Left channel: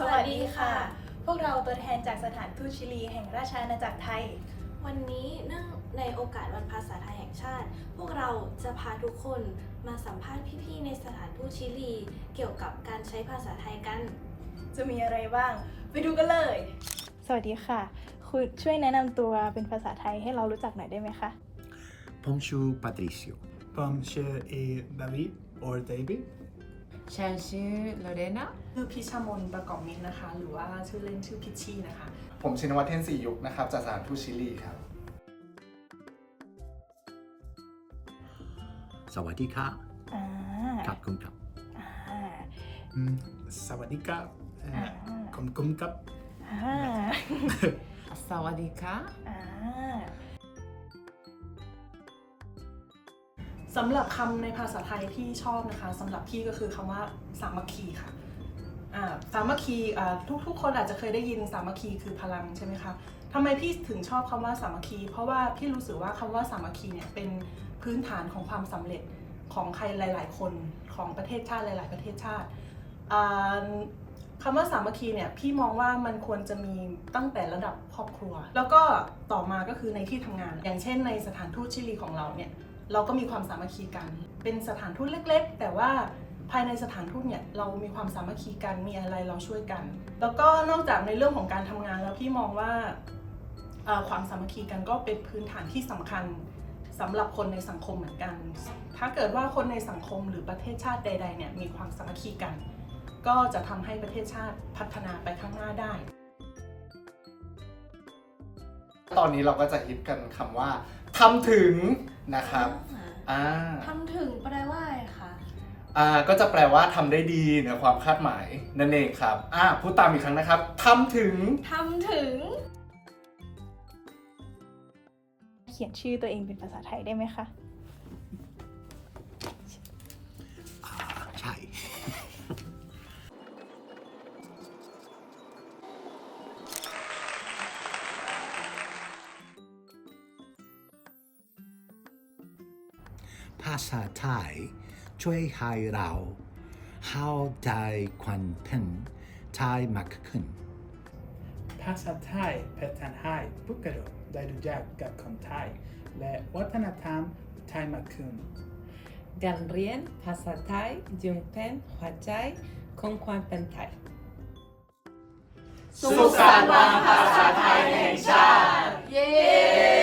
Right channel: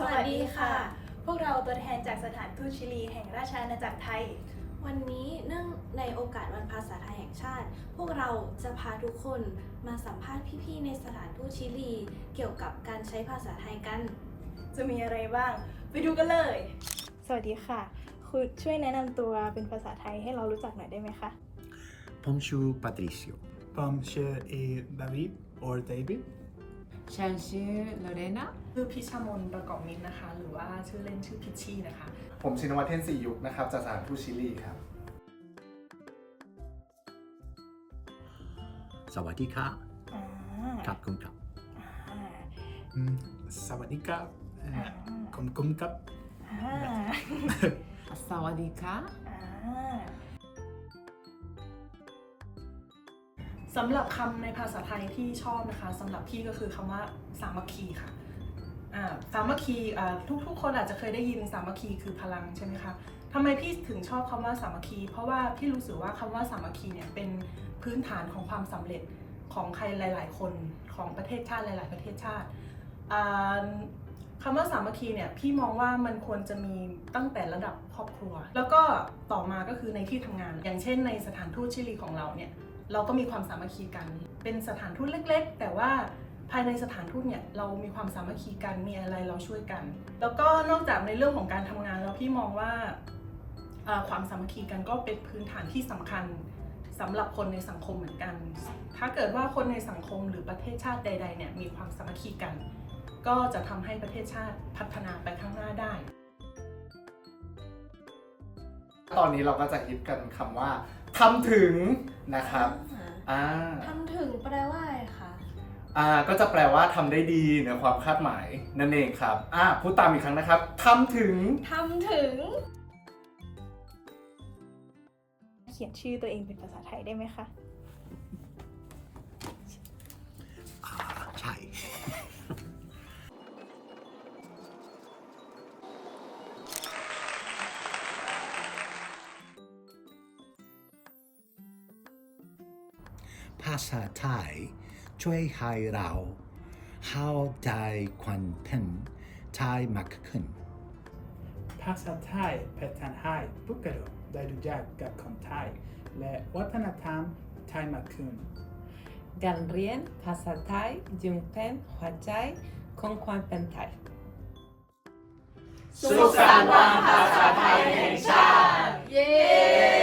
สวัสดีค่ะ พวกเราตัวแทนจากสถานทูตชิลีแห่งราชอาณาจักรไทย วันนี้เนื่องในโอกาสวันภาษาไทยแห่งชาติ พวกเราจะพาทุกคนมาสัมภาษณ์พี่ๆในสถานทูตชิลี เกี่ยวกับการใช้ภาษาไทยกัน จะมีอะไรบ้าง ไปดูกันเลย สวัสดีค่ะ คุณช่วยแนะนำตัวเป็นภาษาไทยให้เรารู้จักหน่อยได้ไหมคะ ผมชื่อ Patricio ผมชื่อเอดาวิด or David ฉันชื่อโลเรนาชื่อพิชามนประกอบมิตรนะคะ หรือว่าชื่อเล่นชื่อพิชชี่นะคะ ผมชินวัตรเทนสียุคนะครับจากสถานทูตชิลีครับ สวัสดีค่ะอ่าครับคุณครับอ่าอืมสวัสดีครับเอ่อผมกุมครับอ่า สวัสดีค่ะ อ่า สำหรับคำในภาษาไทยที่ชอบนะคะสำหรับพี่ก็คือคำว่าสามัคคีค่ะสามัคคีทุกๆ คนอาจจะเคยได้ยินสามัคคีคือพลังใช่ไหมคะทำไมพี่ถึงชอบคำว่าสามัคคี เพราะว่าพี่รู้สึกว่าคำว่าสามัคคีเนี่ยเป็นพื้นฐานของความสำเร็จของใครหลาย ๆ คนของประเทศชาติหลาย ๆ ประเทศชาติอ่าคำว่าสามัคคีเนี่ยพี่มองว่ามันควรจะมีตั้งแต่ระดับครอบครัว แล้วก็ต่อมาก็คือในที่ทำงาน อย่างเช่นในสถานทูตชิลีของเราเนี่ย เราก็มีความสามัคคีกัน เป็นสถานทูตเล็ก ๆ แต่ว่าภายในสถานทูตเนี่ยเรามีความสามัคคีกันมีอะไรเราช่วยกัน แล้วก็นอกจากในเรื่องของการทำงานแล้วพี่มองว่าความสามัคคีกันก็เป็นพื้นฐานที่สำคัญสำหรับคนในสังคมเหมือนกัน ถ้าเกิดว่าคนในสังคมหรือประเทศชาติใดๆเนี่ยมีความสามัคคีกัน ก็จะทำให้ประเทศชาติพัฒนาไปข้างหน้าได้ ตอนนี้เราก็จะฮิตกันคำว่า ทำถึงนะครับอ่าทำถึงแปลว่าอะไรคะอ่าก็จะแปลว่าทำได้ดีเหนือความคาดหมายนั่นเองครับอ่าพูดตามอีกครั้งนะครับทำถึงทำถึง เขียนชื่อตัวเองเป็นภาษาไทยได้ไหมคะ ภาษาไทย ช่วยให้เราเข้าใจความเป็นไทยมากขึ้น ภาษาไทยเป็นทางให้พวกเราได้รู้จักกับคนไทย และวัฒนธรรมไทยมากขึ้นการเรียนภาษาไทยจึงเป็นหัวใจของความเป็นไทย สุขสันต์วันภาษาไทยแห่งชาติ เย้